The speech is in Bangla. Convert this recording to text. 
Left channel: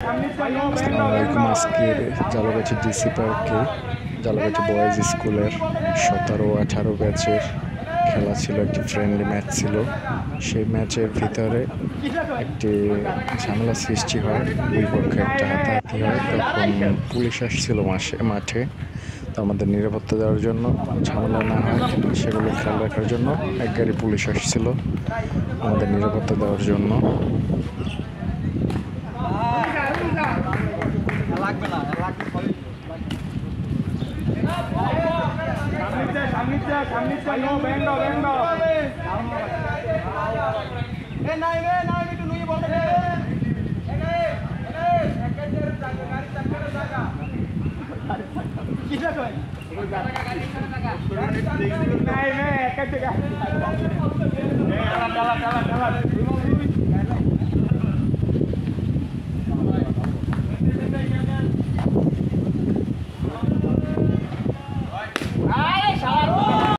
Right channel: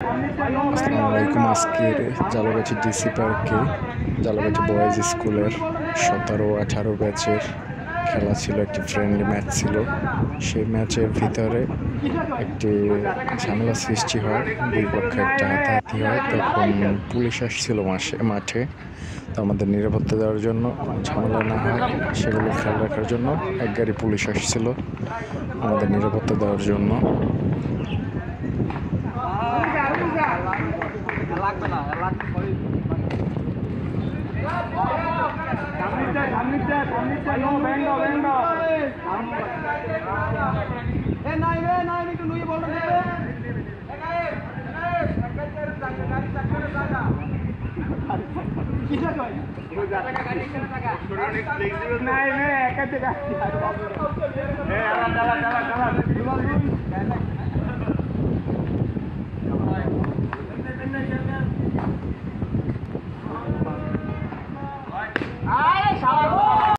আসসালামু আলাইকুম। আজকের জালাগাছি ডিসি পার্কে জালাগাছি বয়েজ স্কুলের 17-18 ব্যাচের খেলা ছিল। একটি ফ্রেন্ডলি ম্যাচ ছিল। সেই ম্যাচের ভিতরে একটি ঝামেলা সৃষ্টি হয়, দুই পক্ষে একটা হাতাহাতি হয়। তখন পুলিশ আসছিল মাঠে। তো আমাদের নিরাপত্তা দেওয়ার জন্য, ঝামেলা না হয় সেগুলো খেয়াল রাখার জন্য এক গাড়ি পুলিশ আসছিল আমাদের নিরাপত্তা দেওয়ার জন্য। Ayo!